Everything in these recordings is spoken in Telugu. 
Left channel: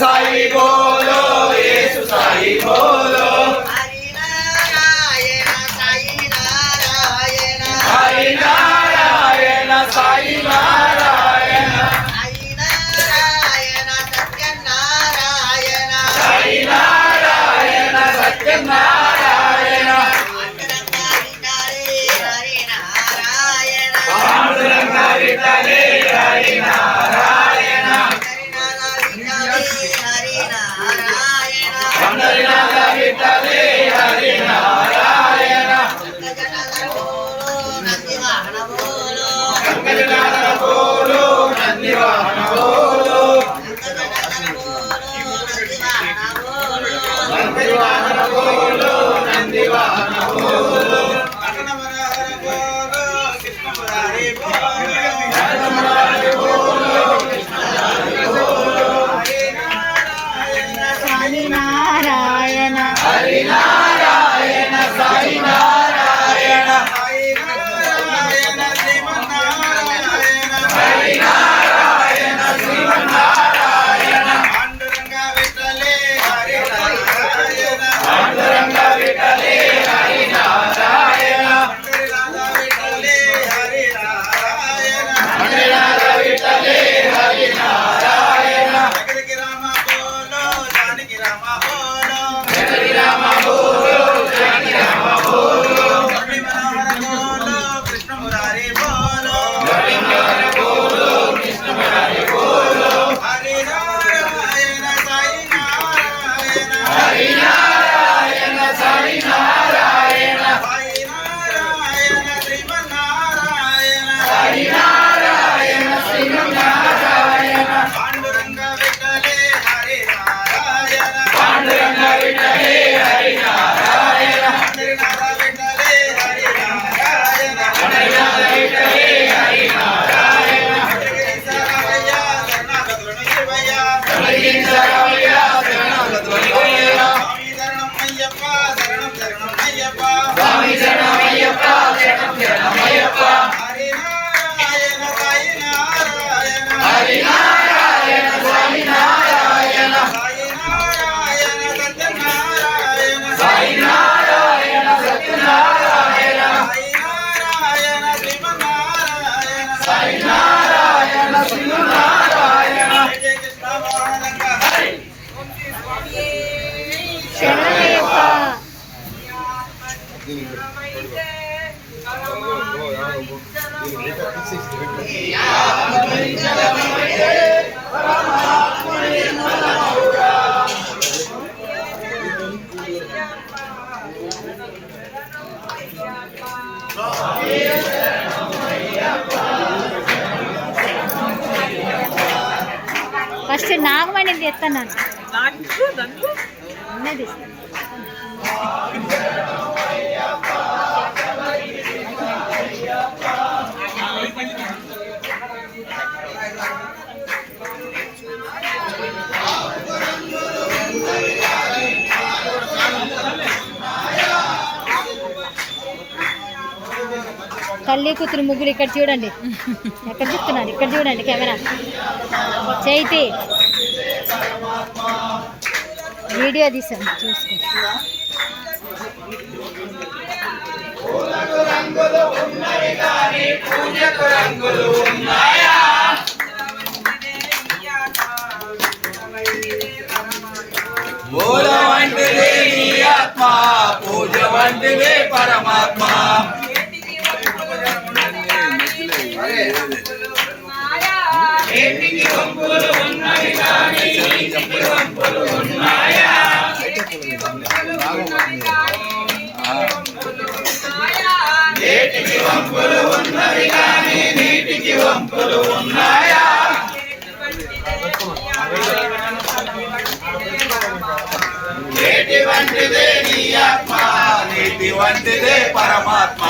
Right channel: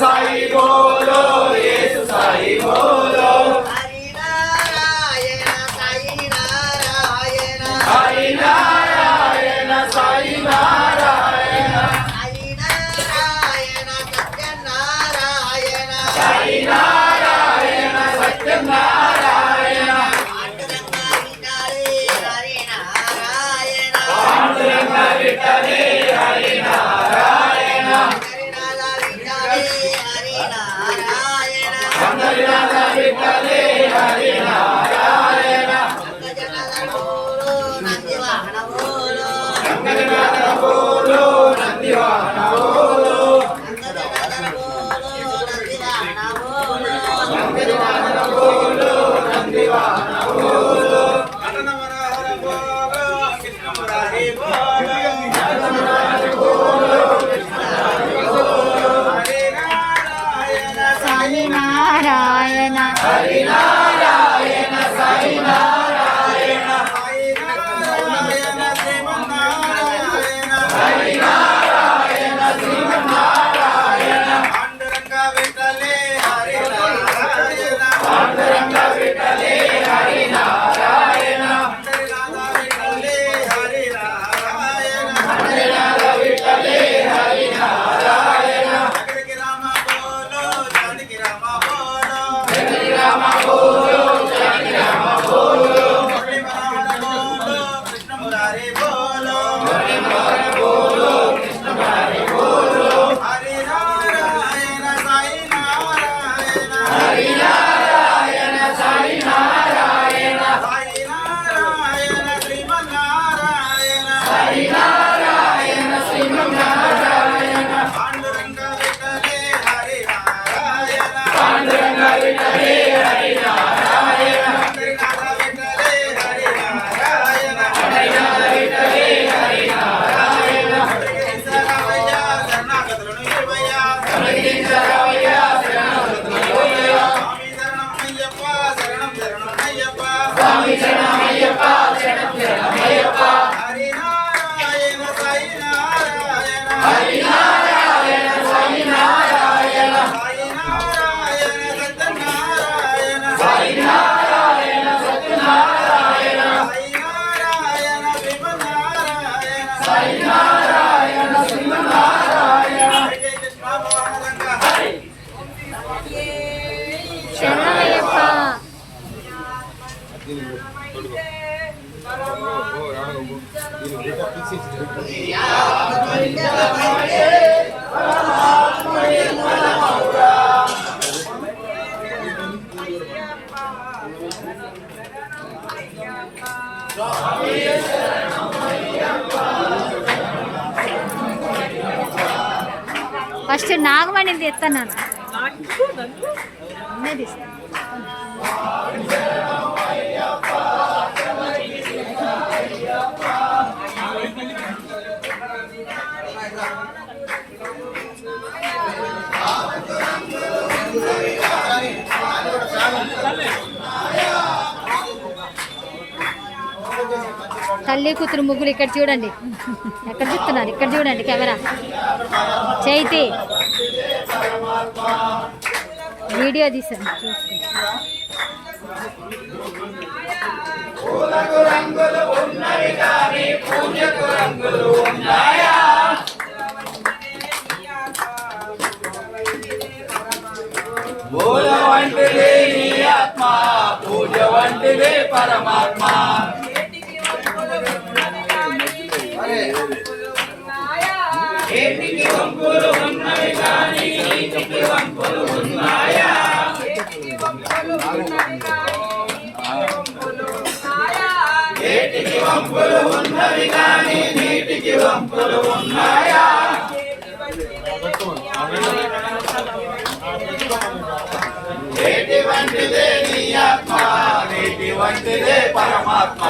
సాయి బోలో యేసు సాయి బోలో హరి నారాయణ సాయి నారాయణ హరి నారాయణ సాయి నారాయణ హరి నారాయణ సత్యనారాయణ సాయి నారాయణ సత్యనారాయణ పాండురంగ విఠలే హరి నారాయణ పండరినాథ విఠలే హరి నారాయణ పంకజనాథ బోలో నంది వాహన బోలో పంకజనాథ బోలో నంది వాహన బోలో అటన మనోహర బోలో కృష్ణ మురారి బోలో అటన మనోహర బోలో కృష్ణ మురారి బోలో హరి నారాయణ సాయి నారాయణ హరి నారాయణ సాయి నారాయణ హరి నారాయణ శ్రీమన్నారాయణ హరి నారాయణ శ్రీమన్నారాయణ పాండురంగ విఠలే హరి నారాయణ పాండురంగ విఠలే హరి నారాయణ పండరినాథ విఠలే హరి నారాయణ పండరినాథ విఠలే హరి నారాయణ జగదికి రామ బోలో జానకి రామ బోలో హరి రామ బోలో జగతి రామ బోలో మురళి మనోహర బోలో కృష్ణ మురారి బోలో హరి మనోహర బోలో కృష్ణ మురారి బోలో హరి నారాయణ సాయి నారాయణ హరి నారాయణ సాయి నారాయణ సాయి నారాయణ శ్రీమన్నారాయణ హరి నారాయణ శ్రీమన్నారాయణ పాండురంగ విఠలే హరి నారాయణ పాండురంగ విఠలే హరి నారాయణ పండరినాథ విఠలే హరి నారాయణ పండరినాథ విఠలే హరి నారాయణ శరణయ్య శరణాగతులను ఇవ్వయ్య హరిశరవయ్య శరణమయ్య స్వామి శరణం అయ్యప్ప శరణం శరణం అయ్యప్ప స్వామి శరణమయ్యప్ప శరణం శరణమయ్యప్ప హరి నారాయణ సాయి నారాయణ హరి నారాయణ సాయి నారాయణ సాయి నారాయణ సత్యనారాయణ సాయి నారాయణ సత్యనారాయణ సాయి నారాయణ శ్రీమన్నారాయణ సాయి నారాయణ శ్రీమన్నారాయణ జయ కృష్ణ మోహనంగ హరి శరణమయ్యప్ప ఫస్ట్ నాగమణి తెస్తాను ఉన్నది తల్లి కూతురు ముగ్గులు ఇక్కడ చూడండి, ఎక్కడ చూస్తున్నారు, ఇక్కడ చూడండి కెమెరా. చైతి వీడియో తీసాను చూసుకో. పూలకు రంగులు ఉన్నవి కానీ పూజకు రంగులు ఉన్నాయా మూల వంటిదే నీ ఆత్మ పూజ వంటిదే పరమాత్మ ఏటికి వంపులు ఉన్నవి కానీ నీటికి వంపులు ఉన్నాయా ఏటికి వంపులు ఉన్నవి కానీ నీటికి వంపులు ఉన్నాయా ఏటి వంటిదే నీ ఆత్మ నీటి వంటిదే పరమాత్మ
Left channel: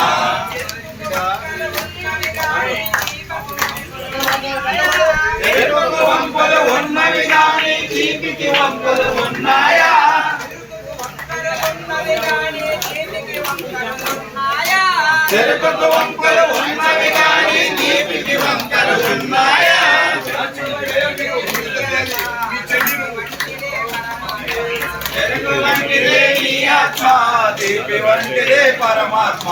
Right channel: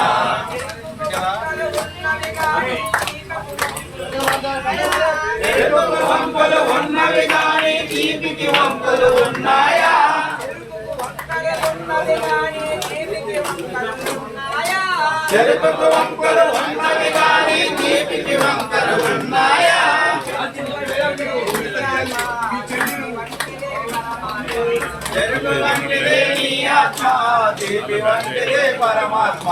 ఎరుపుకు వంపులు ఉన్నవి కానీ తీపికి వంపులు ఉన్నాయా చెరుకుకు వంకలు ఉన్నవి కానీ తీపికి వంకలు ఉన్నాయా చెరుకు వంటిదే నీ ఆత్మ, తీపి వంటిదే పరమాత్మ.